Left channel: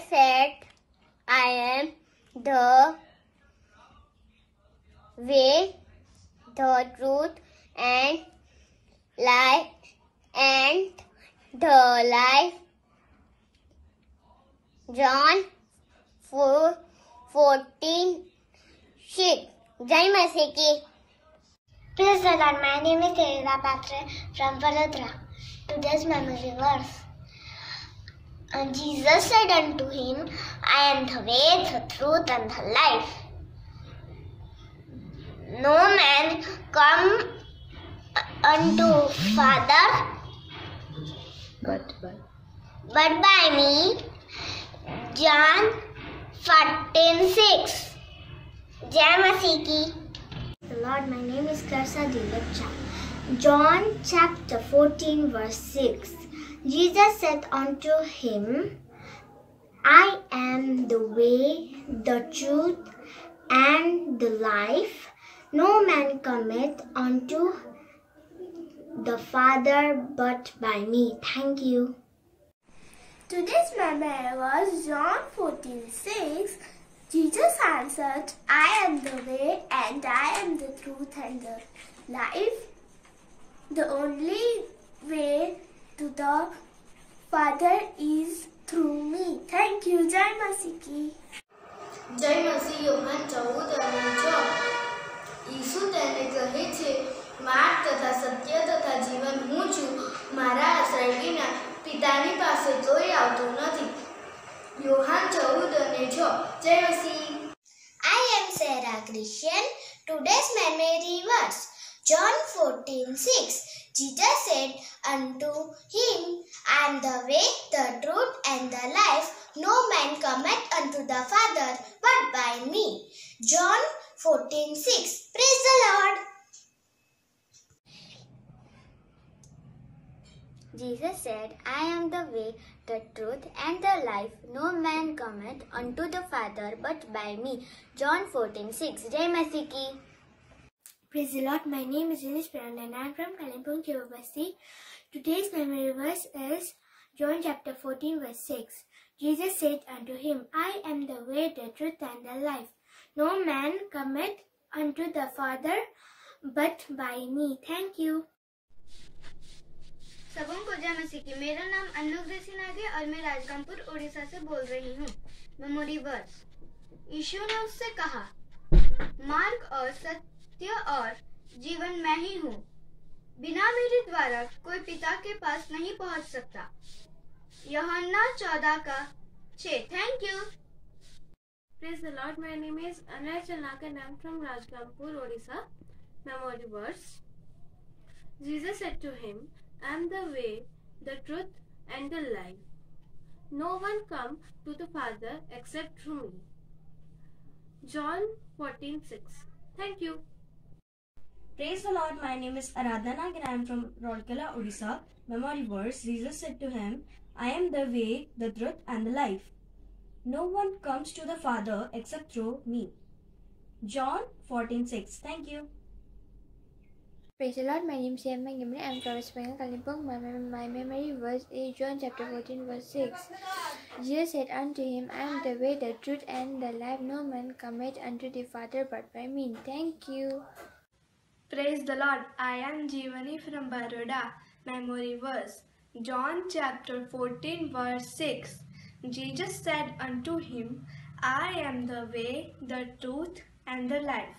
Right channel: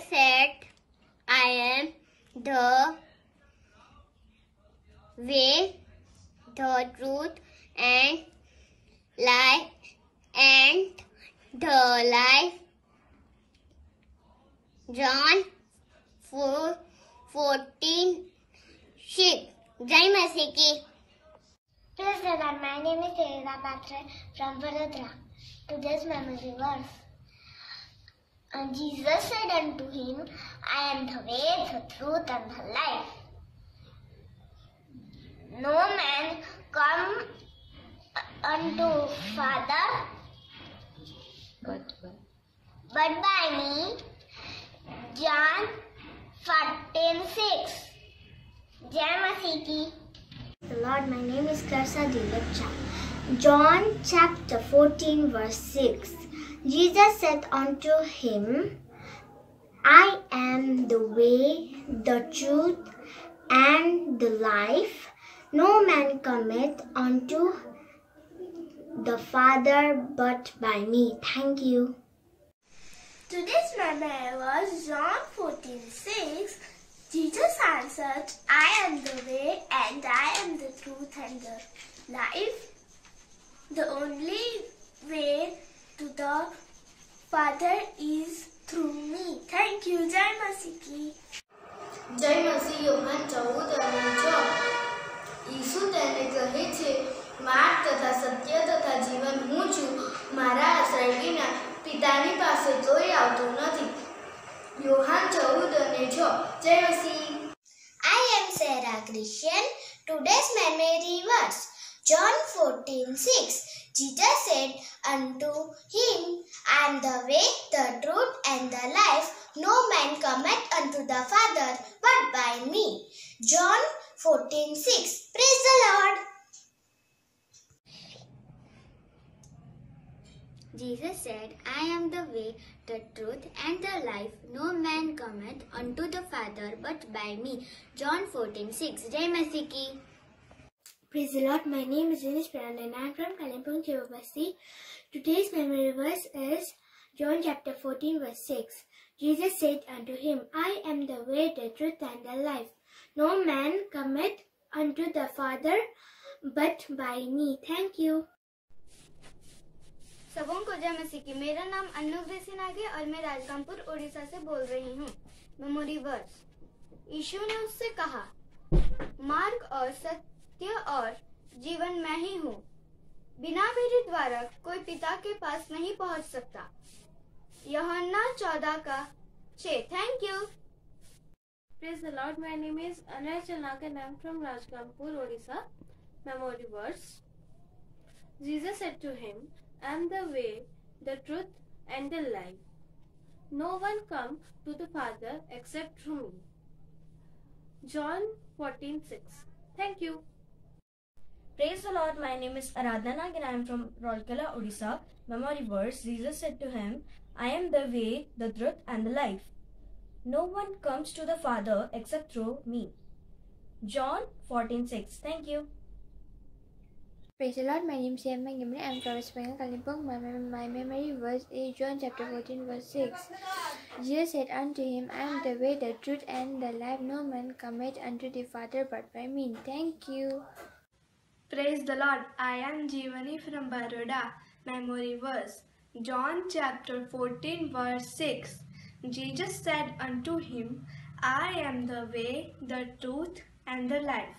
Jesus said, I am the way, the truth, and life, and the life. John 4:14. Jai Masi ki. Praise the Lord. My name is Teresa Patre from Vadodara. Today's memory verse. And Jesus said unto him, I am the way, the truth, and the life. No man come unto Father but by me. John 14:6. Jai Masi ki. Lord, my name is Karsa Dilapcha. John chapter 14 verse 6. Jesus said unto him, I am the way, the truth, and the life. No man cometh unto the Father but by me. Thank you. Today's memory was John 14:6. Jesus answered, I am the way and I am the truth and the life. The only way to the Father is through me. Thank you. Jai Masi ki. Jai Masi. Yohan 14:6. ઈસુ તેને કહે છે, માર્ગ તથા સત્ય તથા જીવન હું છું. મારા આશ્રય વિના પિતાની પાસે કોઈ આવતું નથી. યોહાન 14:6. જય મસી. I am Sarah Christian. Today's memory verse. John 14:6. Jesus said unto him, I am the way, the truth, and the life. No man cometh unto the Father but by me. John 14:6. Praise the Lord. Jesus said, I am the way, the truth, and the life. No man cometh unto the Father but by me. John 14:6. Jai Masi ki. Praise the Lord. My name is Inish Piran and I am from Kalimpong, Chivabasti. Today's memory verse is John chapter 14 verse 6. Jesus said unto him, I am the way, the truth, and the life. No man cometh unto the Father but by me. Thank you. सबों को जय मसीह की। मेरा नाम अन्नू ग्रेसी नागे और मैं राजगामपुर उड़ीसा से बोल रही हूँ। Memory verse. यीशु ने उससे कहा, मार्ग और सत्य और जीवन मैं ही हूँ। बिना मेरे द्वारा कोई पिता के पास नहीं पहुँच सकता। यूहन्ना 14:6। Thank you. Praise the Lord. My name is Anna Chanaka and I am from Rajgampur, Odisha. Memory verse. Jesus said to him, I am the way, the truth, and the life. No one come to the Father except through me. John 14:6. Thank you. Praise the Lord. My name is Aradhana and I am from Rourkela, Odisha. Memory verse. Jesus said to him, I am the way, the truth, and the life. No one comes to the Father except through me. John 14:6. Thank you. Praise the Lord. My name is Yamma Gimri. I am from West Bengal, Kalimpong. My memory verse is John chapter 14 verse 6. Jesus said unto him, I am the way, the truth, and the life. No man cometh unto the Father but by me. Thank you. Praise the Lord. I am Jeevani from Baroda. Memory verse. John chapter 14 verse 6. Jesus said unto him, I am the way, the truth, and the life.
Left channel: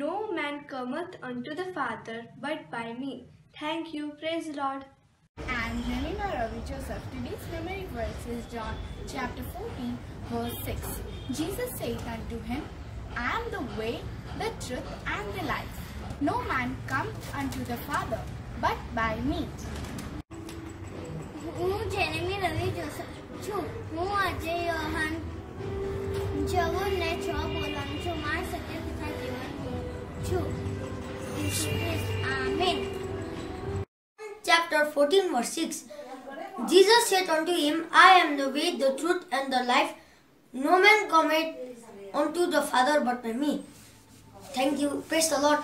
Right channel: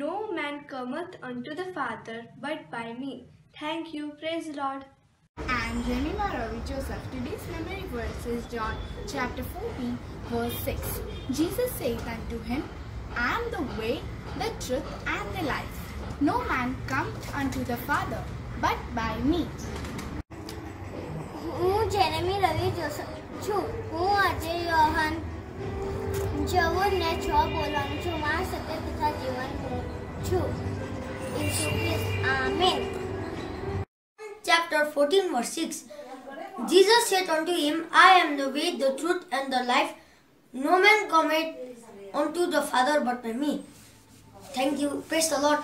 No man cometh unto the Father but by me. Thank you. Praise the Lord. And Remina Ravi Joseph. Today's memory verse is John chapter 14 verse 6. Jesus said unto him, I am the way, the truth, and the life. No man comes unto the Father but by me. હું Jeremy રવિ Joseph છું. હું આજે યોહાન 14:6 બોલવાનું છું. મારા સત્ય તથા જીવન હું છું. ઈસુ ખ્રિસ્ત. Amen. Chapter 14 verse 6. Jesus said unto him, I am the way, the truth, and the life. No man cometh unto the Father but by me. Thank you. Praise the Lord.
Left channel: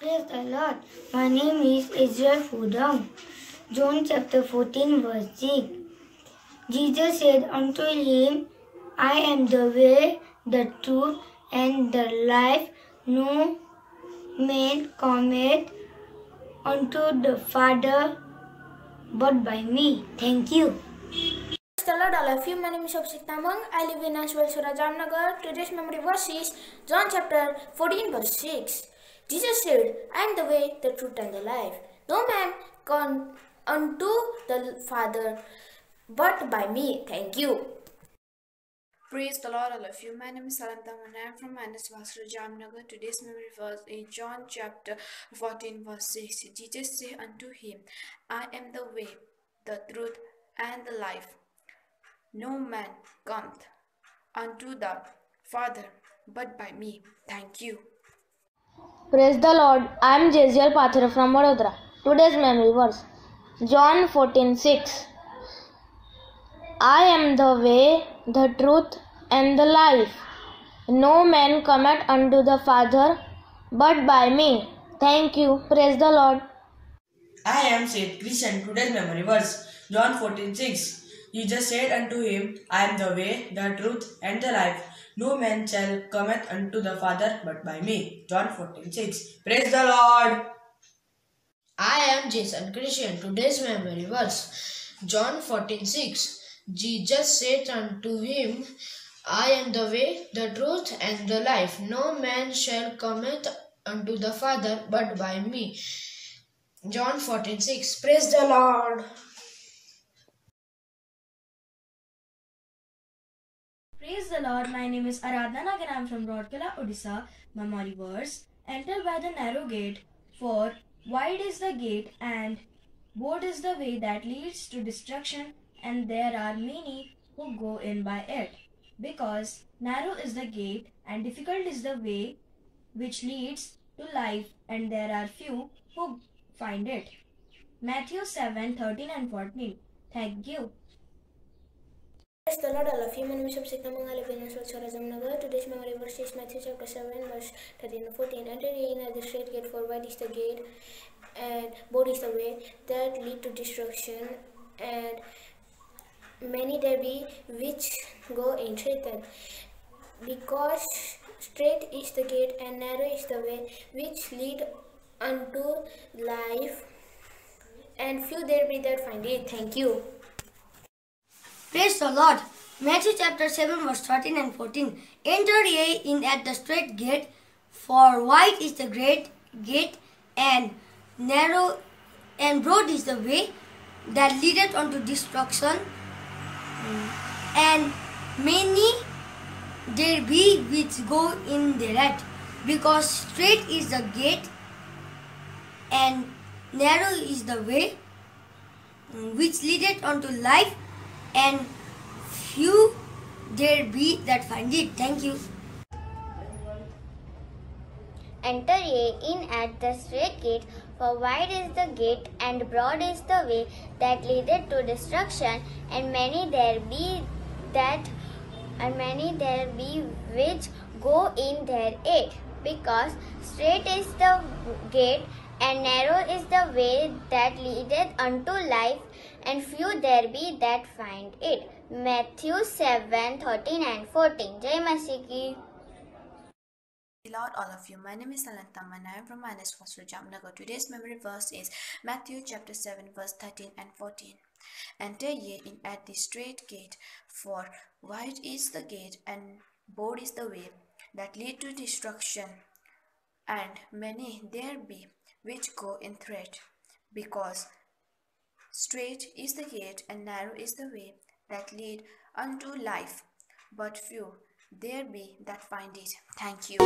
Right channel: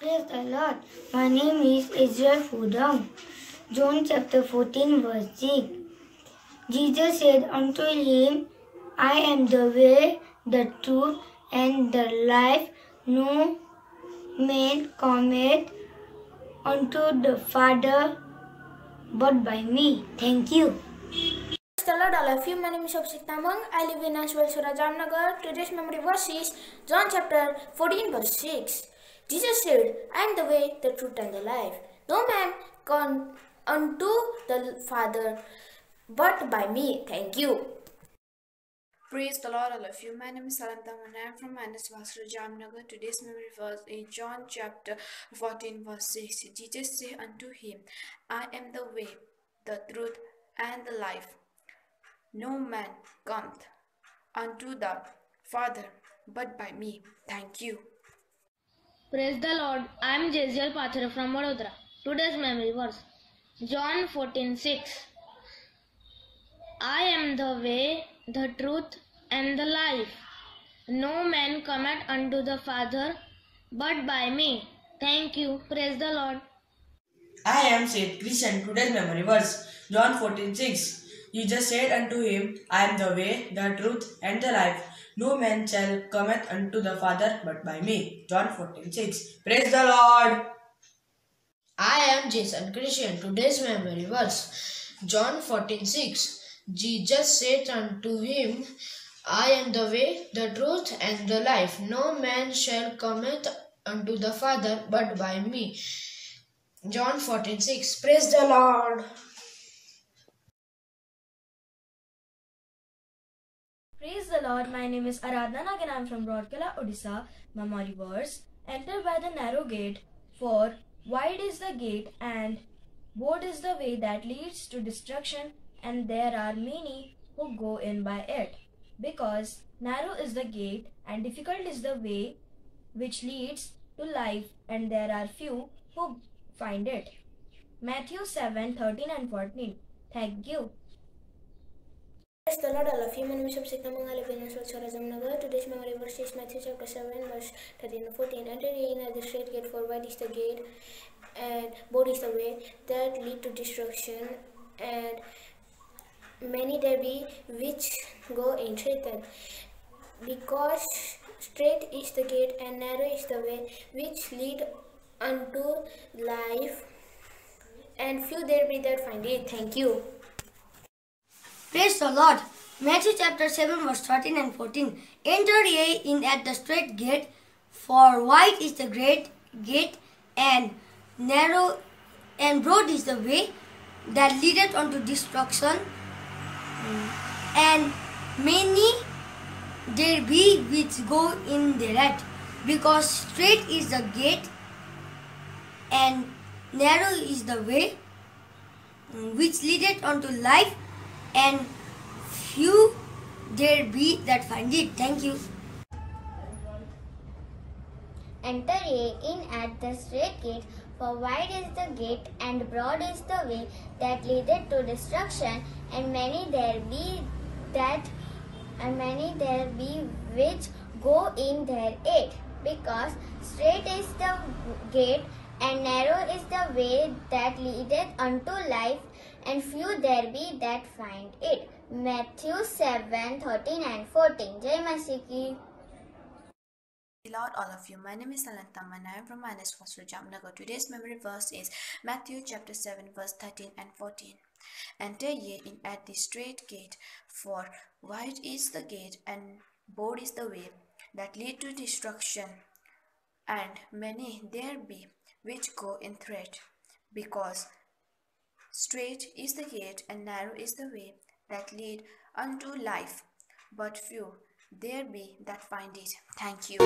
Praise the Lord. My name is Israel Fudang. John chapter 14 verse 6. Jesus said unto him, I am the way, the truth, and the life. No man cometh unto the Father but by me. Thank you. Hello, all of you. My name is Abhishek Tamang. I live in Ashwal, Jamnagar. Today's memory verse is John chapter 14, verse 6. Jesus said, I am the way, the truth, and the life. No man come unto the Father but by me. Thank you. Praise the Lord, all of you. My name is Salanta and I am from Manas Vasra Jamnagar. Today's memory verse is John chapter 14, verse 6. Jesus said unto him, I am the way, the truth, and the life. No man cometh unto the Father but by me. Thank you. Praise the Lord. I am Jeziel Pathira from Vadodara. Today's memory verse John 14:6. I am the way, the truth, and the life. No man cometh unto the Father but by me. Thank you. Praise the Lord. I am Seth Christian. Today's memory verse John 14:6. Jesus said unto him, I am the way, the truth, and the life. No man shall cometh unto the Father but by me. John 14:6. Praise the Lord. I am Jason Christian. Today's memory verse John 14:6. Jesus said unto him, I am the way, the truth, and the life. No man shall cometh unto the Father but by me. John 14:6. Praise the Lord. Praise the Lord. My name is Aradhana and I am from Rourkela, Odisha. Memory verse. Enter by the narrow gate, for wide is the gate and broad is the way that leads to destruction, and there are many who go in by it. Because narrow is the gate and difficult is the way which leads to life, and there are few who find it. Matthew 7:13 and 14. Thank you. Praise the Lord, all of you. My name is Abhishek Tamang. I live in Ashwal, Jamnagar. Today's memory verse is Matthew chapter 7, verse 13 and 14. Enter ye in at the straight gate, for wide is the gate, and broad is the way that lead to destruction, and many there be which go in it. Because straight is the gate and narrow is the way which lead unto life, and few there be that find it. Thank you. Praise the Lord. Matthew chapter 7, verse 13 and 14. Enter ye in at the straight gate, for wide is the great gate, and narrow and broad is the way that leadeth unto destruction, and many there be which go in thereat. Because straight is the gate and narrow is the way which leadeth unto life, and few there be that find it. Thank you. Enter ye in at the straight gate, for wide is the gate, and broad is the way that leadeth to destruction, and many there be which go in thereat. Because straight is the gate, and narrow is the way that leadeth unto life, and few there be that find it. Matthew 7:13 and 14. Jai Masih ki. Lord, all of you. My name is Salantam and I am from Manas Vasra Jamnagar. Today's memory verse is Matthew chapter 7, verse 13 and 14. Enter ye in at the straight gate, for wide is the gate and broad is the way that lead to destruction, and many there be which go in threat. Because straight is the gate and narrow is the way that lead unto life, but few there be that find it. Thank you.